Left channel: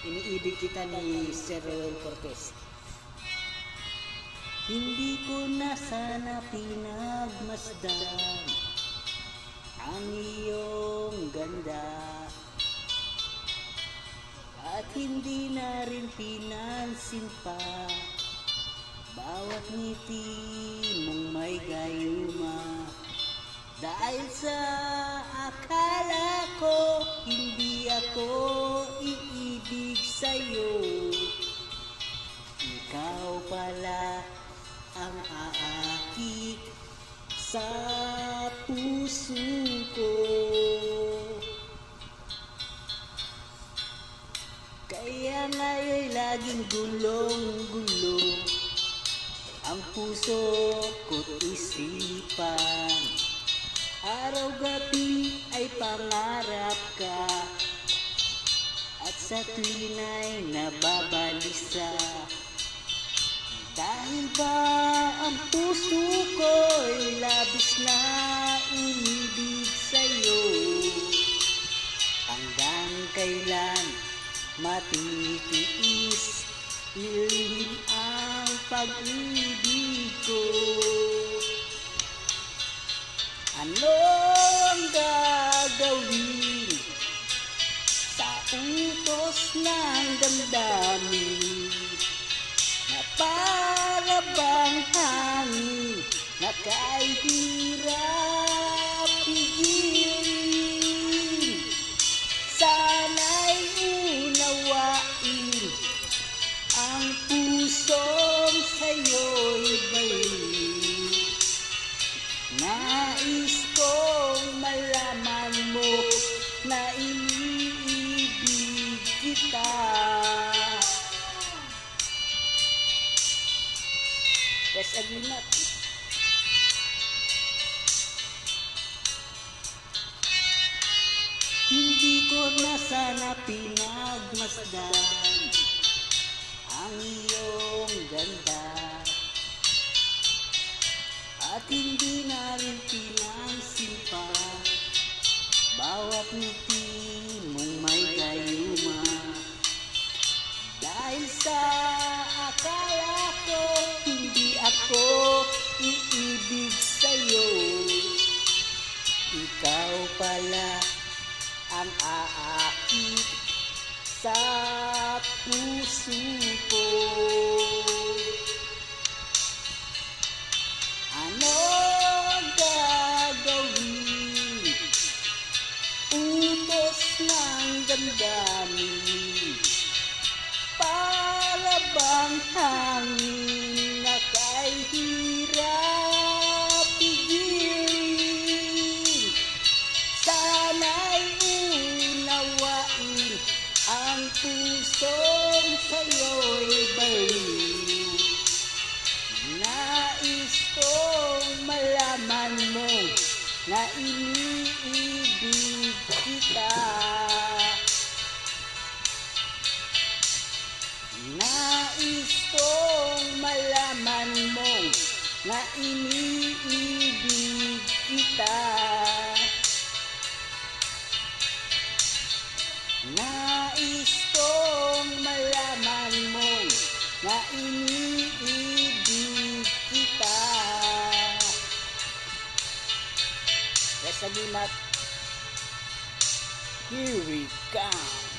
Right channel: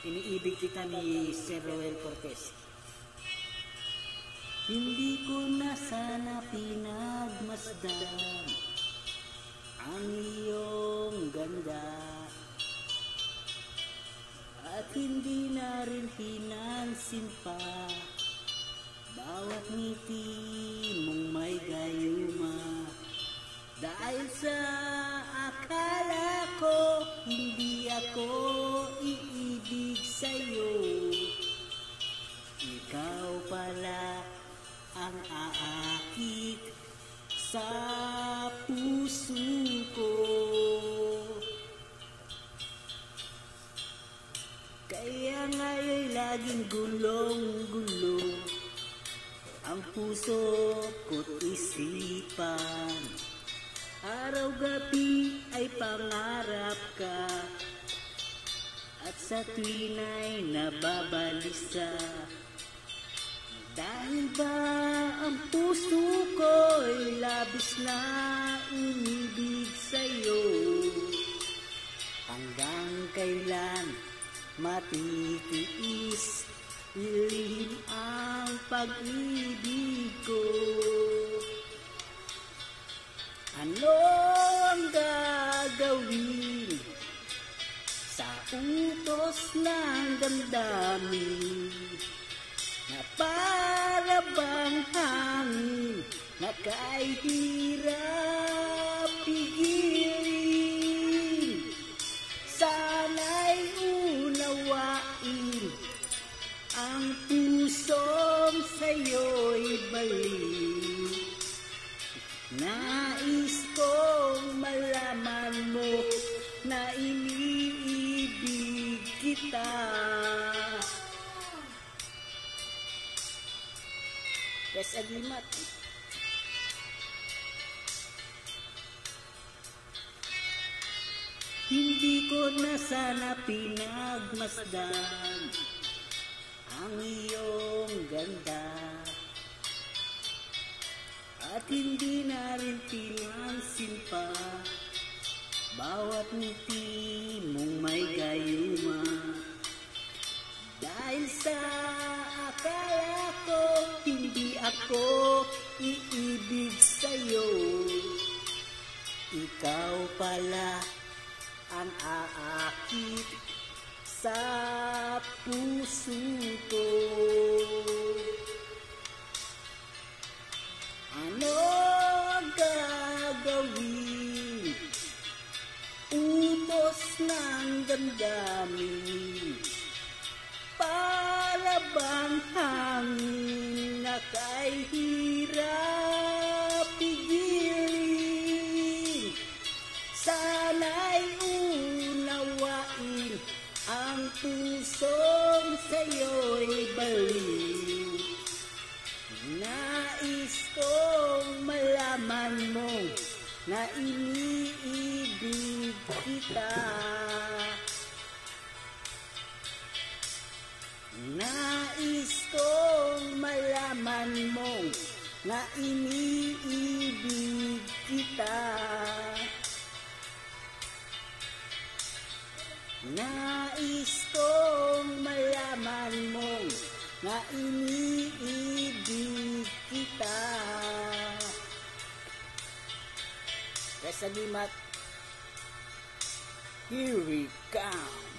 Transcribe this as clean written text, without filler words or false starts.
Iniibig kita ni Sir Roel Cortez. Hindi ko na sana pinagmasdan ang iyong ganda, at hindi na rin pinansin pa bawat ngiti mong may gayuma. Dahil sa akala ko hindi ako iibig sa'yo, ikaw pala ang aakit sa puso ko. Kaya nga'y laging gulong-gulo ang puso ko't isipan. Araw-gabi ay pangarap ka, at sa tuwin ay nababalisa. Dahil ba ang puso ko'y labis na umibig sa'yo, hanggang kailan matitiis ilihim ang pag-ibig ko? Anong gagawin sa utos ng damdamin na para bang hangin na kahit hirap pigilin? Sana'y unawain ang pusong sa'yo'y balik. Nais kong malaman mo na iniibig kita. Yes, Aglimat. Hindi ko na sana pinagmasdan ang iyong ganda, at hindi na rin pinansin pa bawat ngiti mong may gayuma. Dahil sa akala ko hindi ako iibig sa'yo, ikaw pala ang aakit sa puso ko. Ano gagawin? Utos ng damdamin para bang hangin na kahit hirap pigilin? Sana'y unawain ang pusong sa'yo'y baliw. Nais kong malaman mo na iniibig kita. Nais kong malaman mo na iniibig kita. Nais kong malaman mo na iniibig kita. Yes, Aglimat. Here we come.